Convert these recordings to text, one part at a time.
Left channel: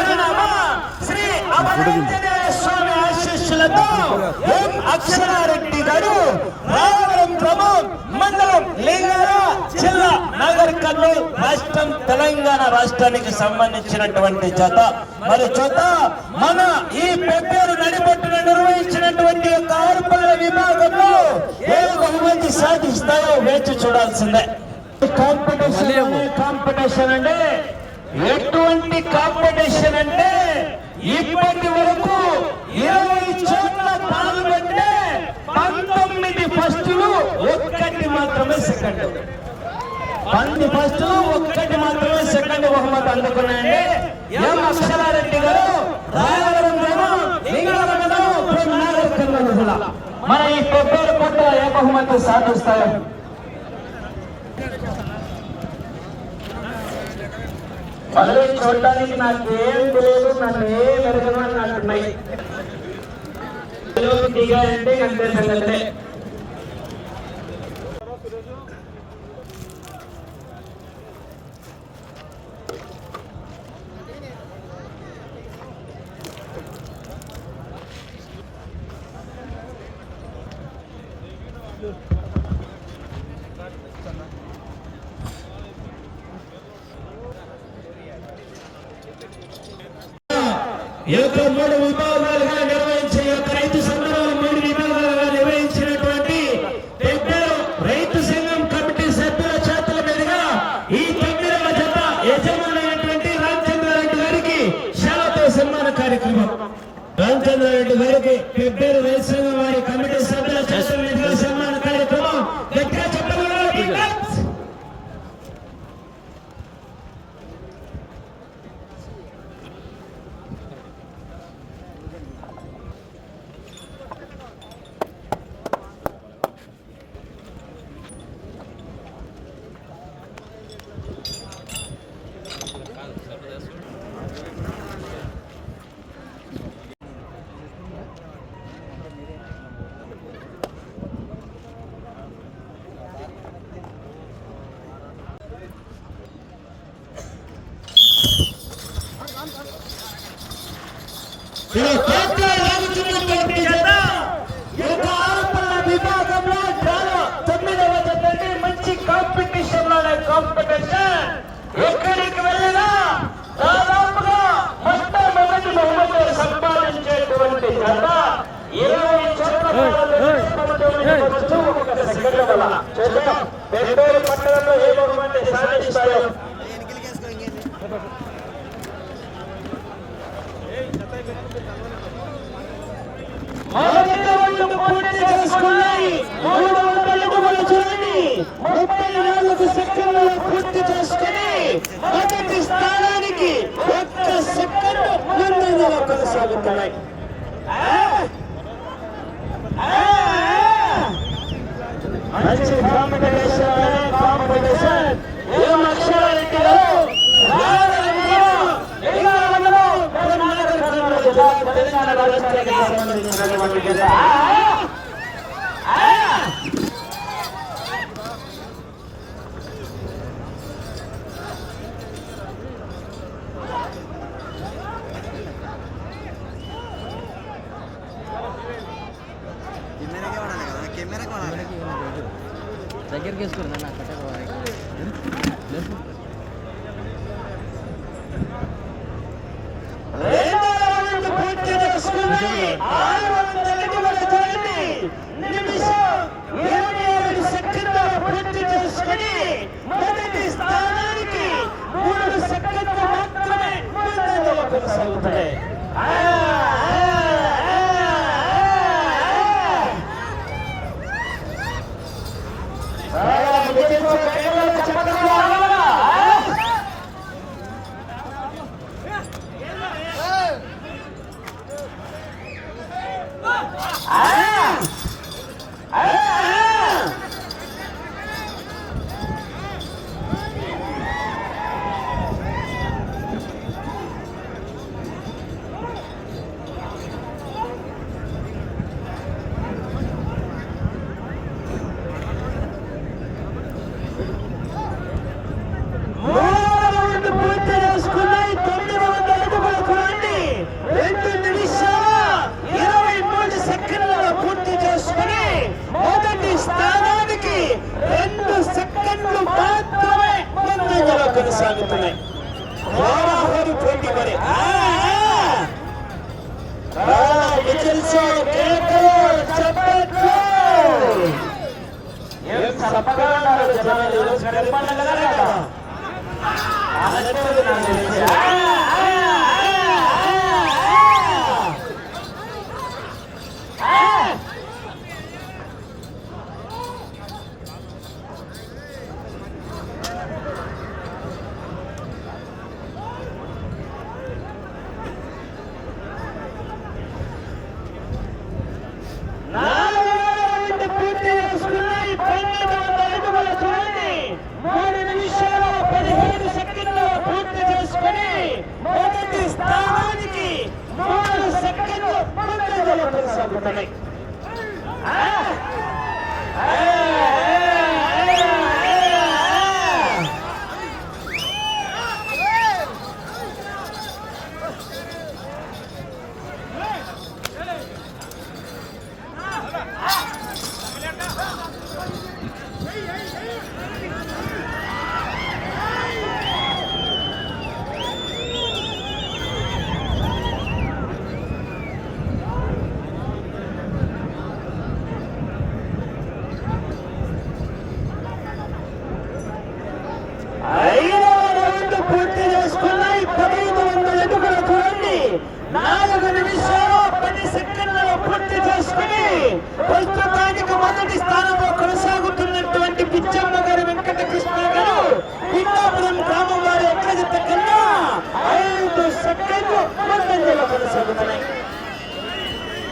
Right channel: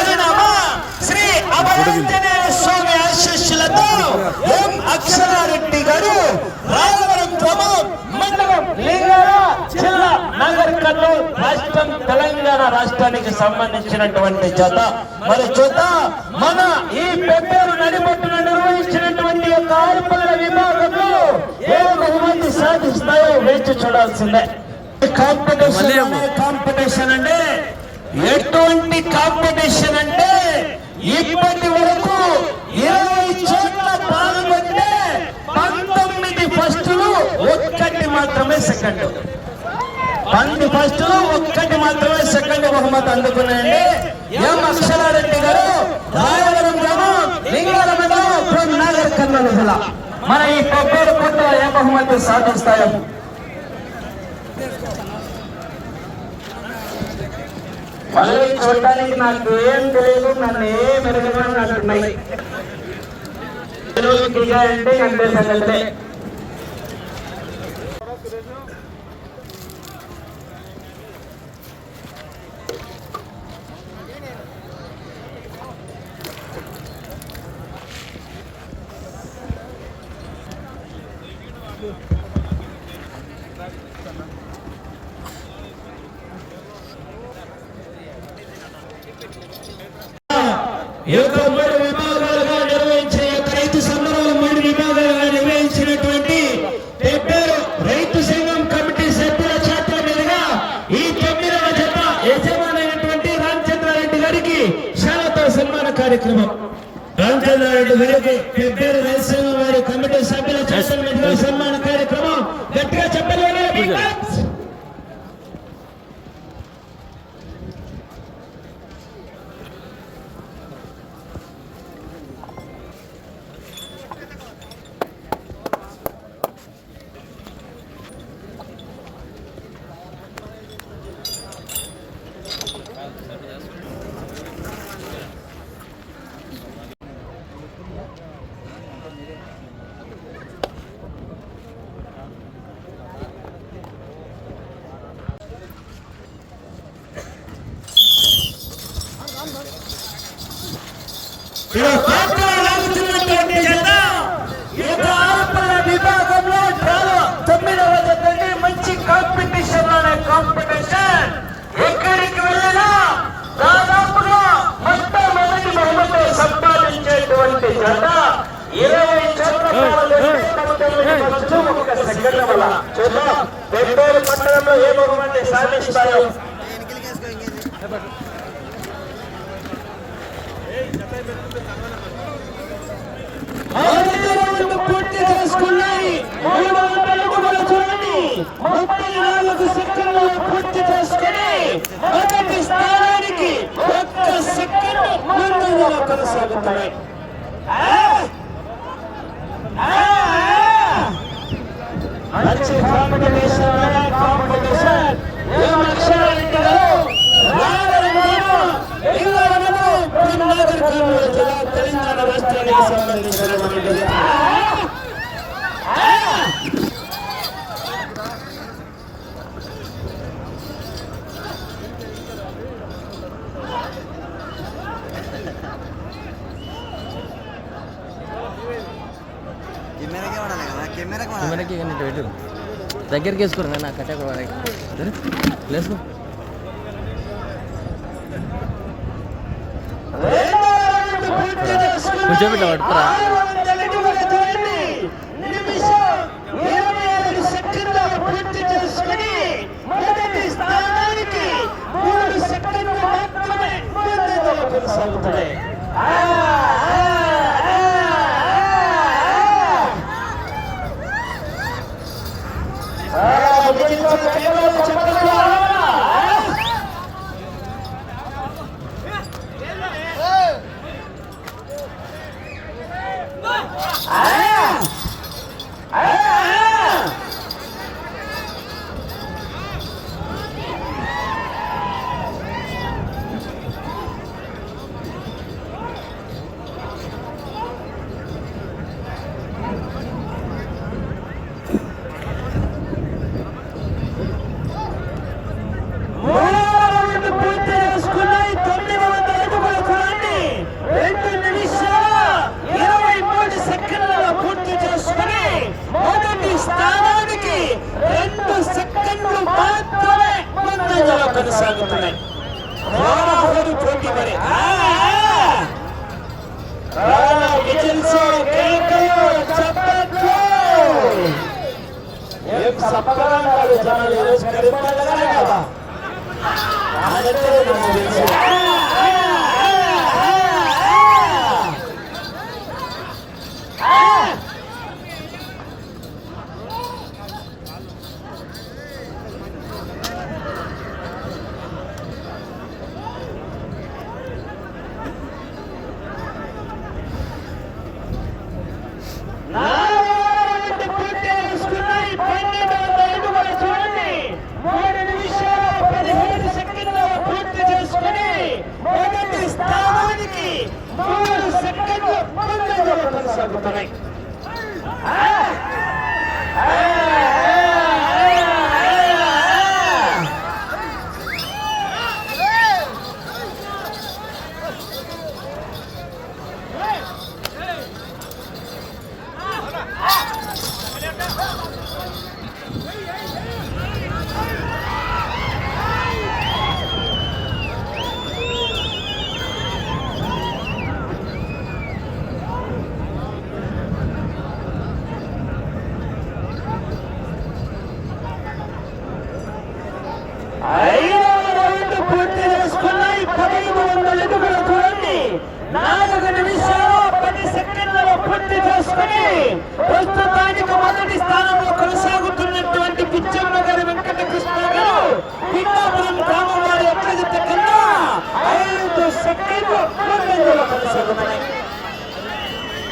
యొక్క శ్రీ అమరాంజనేయ స్వామి ఆశీస్సులతో ఎం అక్షరారెడ్డి గారు రాయవరం ప్రమోద్ మండలం లింగల జిల్లా నగర్ కర్నూలు రాష్ట్రం తెలంగాణ రాష్ట్రానికి సంబంధించినటువంటి జత. మరి జత మన ఈ పెబ్బేరు నడిపట్టున నిర్వహించినటువంటి ఒక ఆరుపల్ల విభాగంలో ఏ బహుమతి సాధిస్తాయో వేచి చూడాల్సిందే. కాంపిటీషన్ కాంపిటీషన్ అంటే ఎటువంటి కాంపిటీషన్ అంటే ఇప్పటి వరకు ఇరవై చోట్ల పాల్గొంటే పంతొమ్మిది ఫస్టులు ఒక్కటి మాత్రమే సెకండ్ పంది ఫస్ట్ ఒక్కటి మాత్రమే సెకండ్ బహుమతి అందుకున్నాయండి. ఎం అక్షరారెడ్డి గారు రాయవరం గ్రామం లింగాల మండలం ఫ్రమ్ నాగర్ కర్నూలు జిల్లా మన ఈ కొబ్బరి పుట్టు ఏ బహుమతి సాధిస్తాయో? మళ్ళీ చూడడానికి నాకు ఏం తెలియదు నన్ను ఏం ఎరగనని అంటున్నాయి దిగాయంటే ఎండే సంగతే ఈ యొక్క మూడు విభాగాలుగా నిర్వహించిన యొక్క రైతు సంబరాలు మూడు విభాగాలుగా నిర్వహించినటువంటి పెద్దలు రైతు సంఘం కమిటీ సభ్యుల చేతుల మీదుగా ఈ తొమ్మిదవ జత యజమానైనటువంటి రామచంద్రారెడ్డి గారికి శాలతో సన్మాన కార్యక్రమం. రామచంద్రారెడ్డి గారికి పెద్దలు రైతు సంఘం వారి కమిటీ సభ్యుల చేతుల మీదుగా సన్మాన కార్యక్రమం. గట్టిగా చెప్పలేదు విభాగంలో తొమ్మిదవ జతని మంచి కాంపిటీషన్లోనే కాంపిటీషన్ ఎక్కడికి వెళ్ళినా దాదాపుగా మొత్తం మొదటి బహుమతి సంపాదించేటువంటి జత ఇరవై ఒక సెకండ్ వల్ల చూద్దాం పట్టణంలో ఏ బహుమతి సాధిస్తాయో మొదటి రౌండ్ పూర్తి చేసుకున్నాయి మూడు వందల అడుగుల చూడండి ముప్పై నాలుగు సెకండ్లలో పూర్తి చేసుకుని మొదటి స్థానానికి ఒక్క సెకండ్ ముందంజలో కొనసాగుతున్నాయి ఆ! ఆ! మంచి కాంపిటీషన్ కాంపిటీషన్ ఏం అక్షరారెడ్డి గారు తెలంగాణ రాష్ట్రానికి సంబంధించినటువంటి కెమెరాకే వాడాలి కదా కెమెరాకి వాడాలి పెట్టు దగ్గరికి వేసుకోండి నా కట్ట లేసుకో. కూర్చోబెట్టు, పట్టుకురా. కొనసాగుతున్నాయి మాత్రమే ముందంజలో కొనసాగుతున్నాయి. హోరాహోరు పోటీ మరి. విజిల్స్ కేకలు చప్పట్లు ఏం సప్రదాయాలు జనాలు ఈరోజు కరిపాలి మొదటి స్థానానికి మూడు సెకండ్లు ముందంజలో కొనసాగుతున్నాయి. పూర్తి చేసుకుని ప్రస్తుతానికి మొదటి స్థానంలో కొనసాగుతున్నటువంటి పిచ్చమ్మ గారి వెంకటకృష్ణ గారు పిన్నాపురం గ్రామం వారి ఎట్లగిత కన్నా ఐదు సెకండ్లు ముందంజలో కొనసాగుతున్నాయి.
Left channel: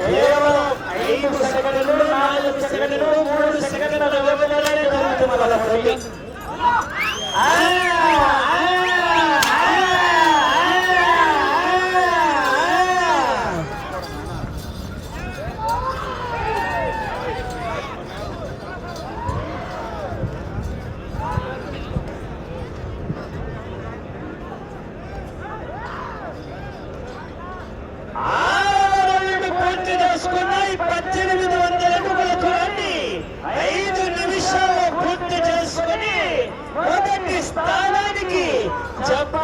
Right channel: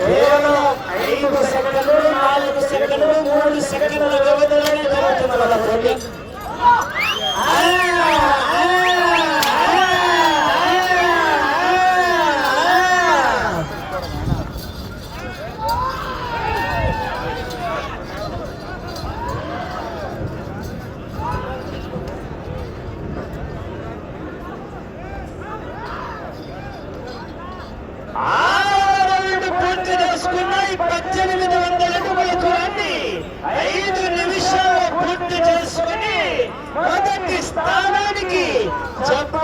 కేవలం ఐదు సెకండ్లు నాలుగు సెకండ్లు మూడు సెకండ్ల వ్యవధిలోనే జరుగుతుంది చెప్ప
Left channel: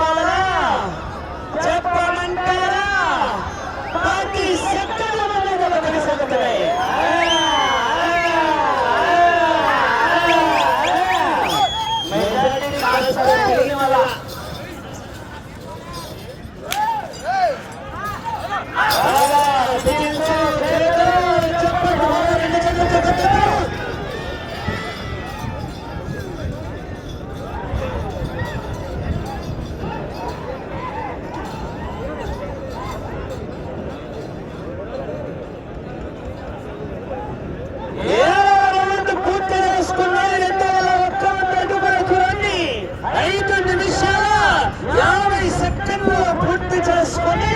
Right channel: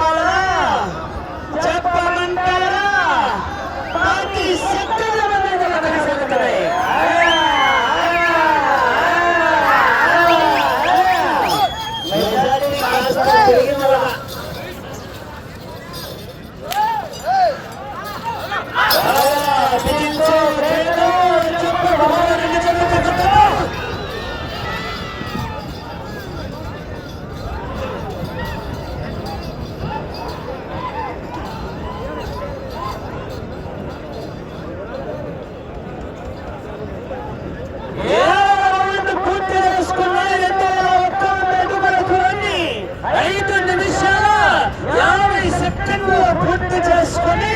పనులు పూర్తి చేసుకుని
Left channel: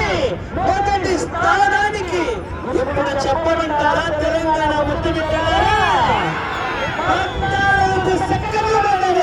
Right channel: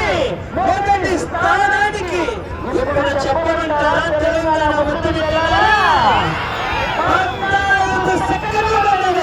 మొదటి స్థానానికి ఎప్పుడు చెప్పమంటారా? తెలంగాణ ముఖ్యమంత్రి పద్నాలుగు సెకండ్ల మధ్య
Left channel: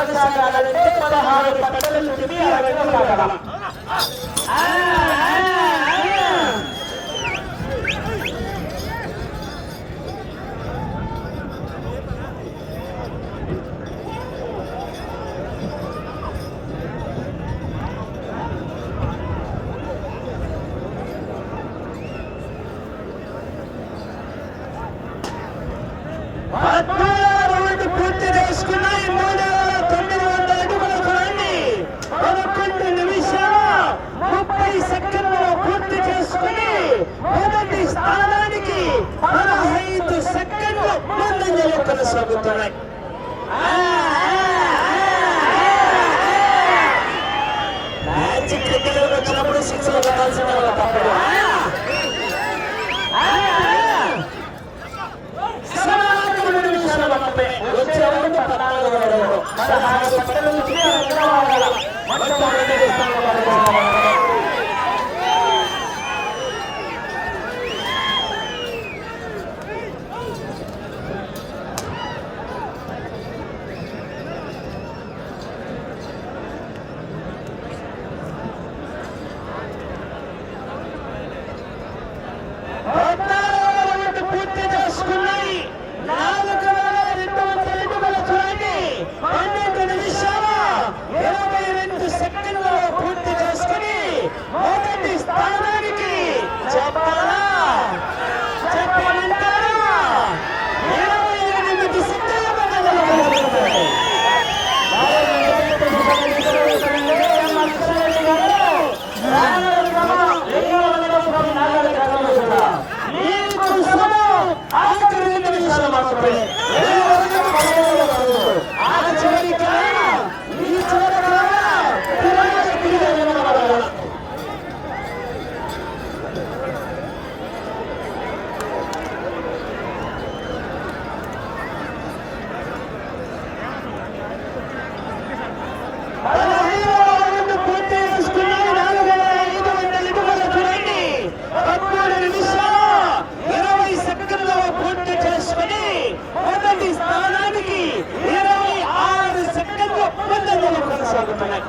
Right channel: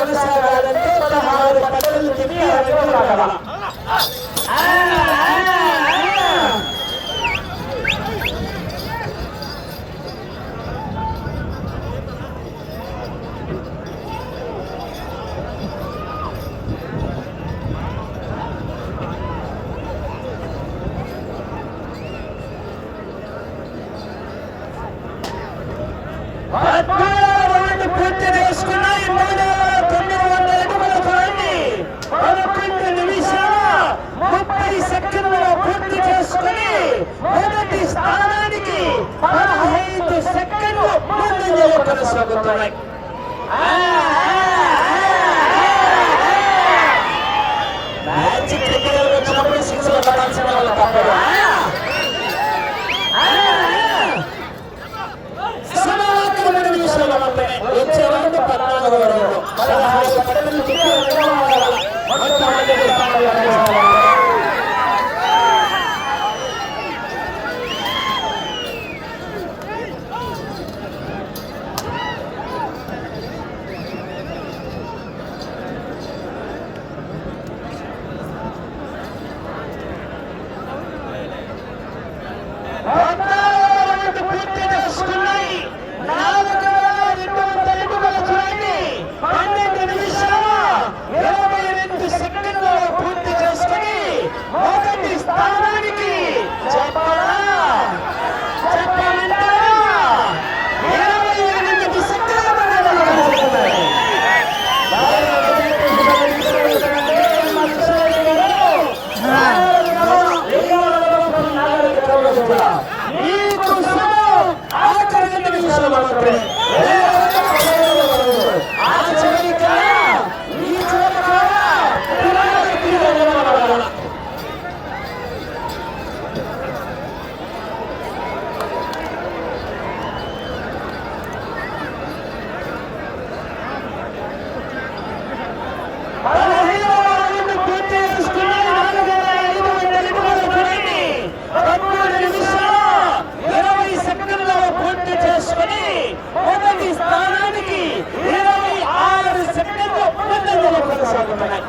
ಸಾಧನೆ ಸಾಧನೆ కొనసాగుతున్నాయి మ్యాచ్ క్రికెట్ వచ్చినప్పుడు సిక్స్ కొట్టాల్సిన వాళ్ళు తప్పదు. ঘটনায়